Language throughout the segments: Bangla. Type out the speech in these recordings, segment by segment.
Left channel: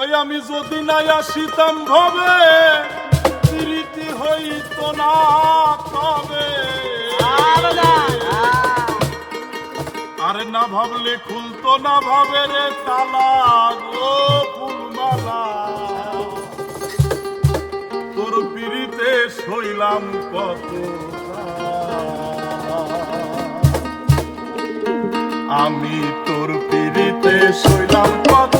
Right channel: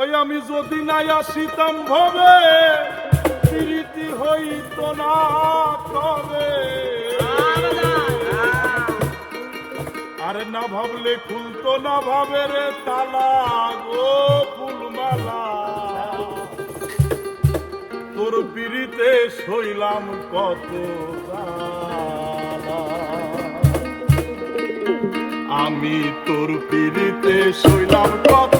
ওই আমি যদি নাই আসিতাম ভাবে প্রীতি হইতো না তবে। আরে না ভাবলে খুলতো না ভাবে রে তালা গো ফুলমালা। তোর পিড়িতে শৈলাম কত আমি তোর পিড়িতে শৈলাম কত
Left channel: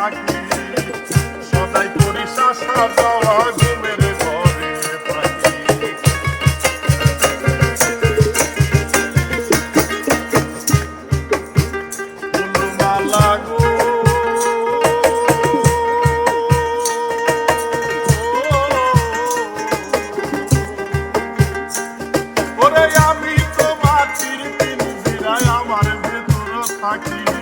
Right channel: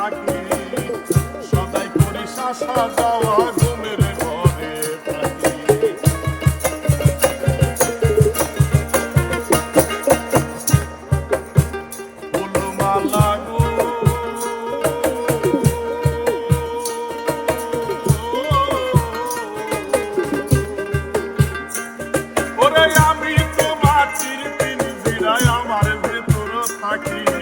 থাকি সদাই করি শাসা যাওয়া ঘুমের ঘরে থাকি ফুলমালা গো ওরে আমি তো মাটির পিঞ্জিরায় আমার ভেতর থাকি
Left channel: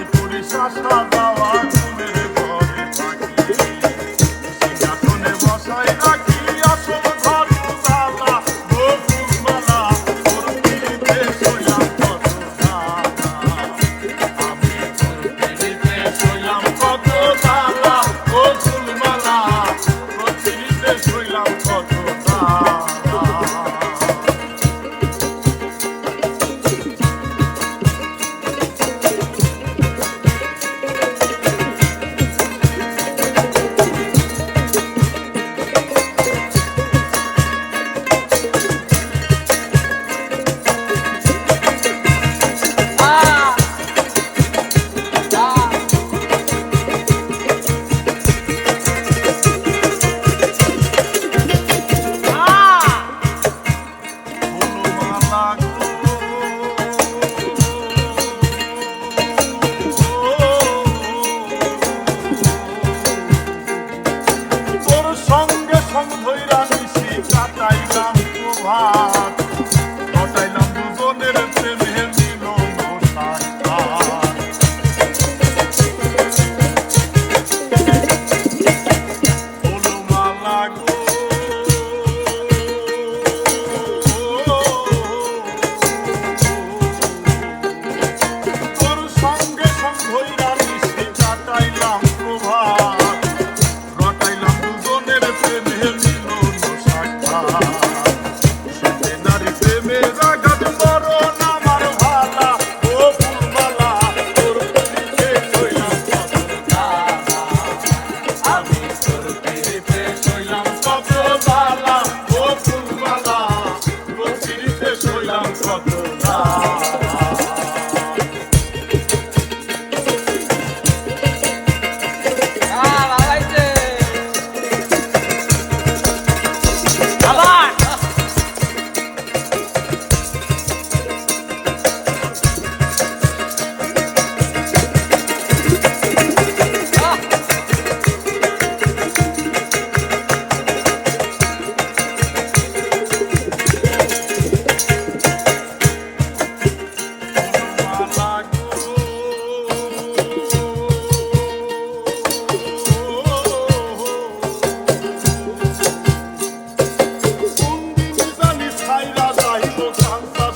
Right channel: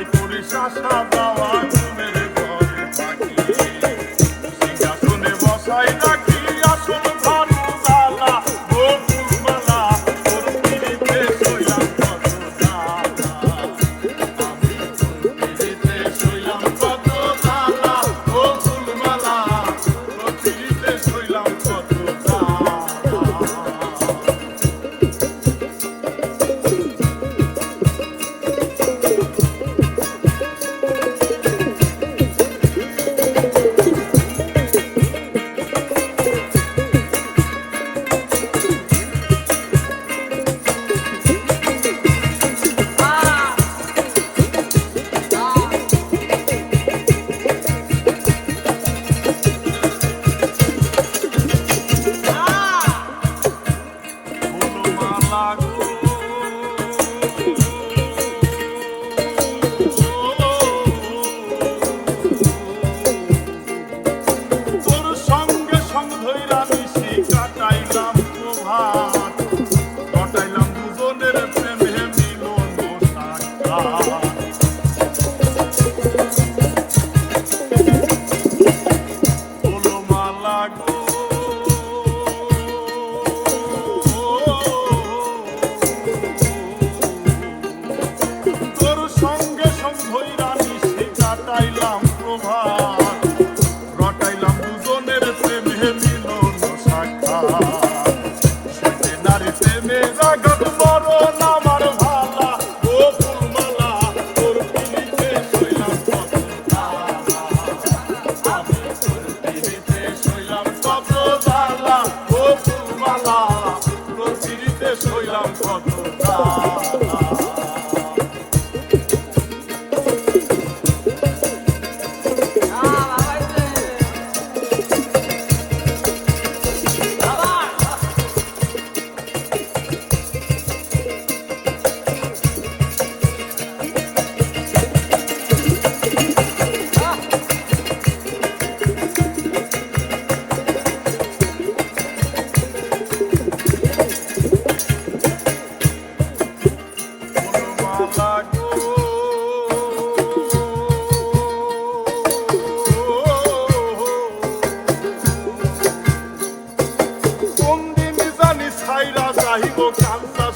তাই পরিশ্বাস দেওয়া তুমি হইল Bible comes